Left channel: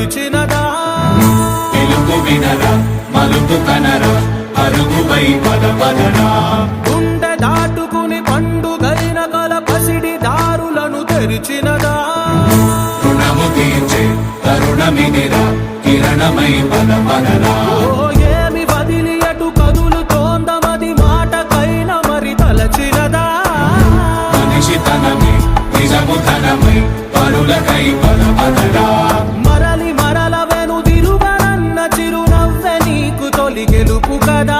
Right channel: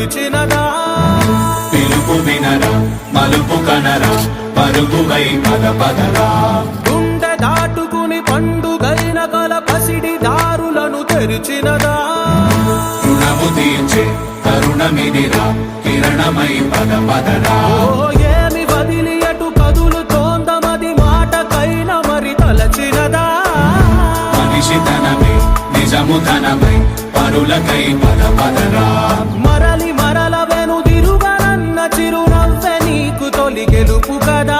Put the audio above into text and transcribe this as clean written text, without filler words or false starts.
పిలిచినదా పిలుపు వినరా మలుపు కనరా పరుగువై పద పదరా గుండె దాటుకుని పండుగైన కల పసిడి దారులను తెరిచినదా రుణము తీర్చే తరుణమినిరా కిరణమై పద పదరా ఓ ఏమి వదిలి అటు కదులుతోందమది మాటకైన మరి తలచినదా మనిషితనమే నిజముధనమై పరులకై పద పదరా మరలి మరల వెనుదిరుగనన్న చిరునవ్వె నీకు తొలి గెలుపు కదా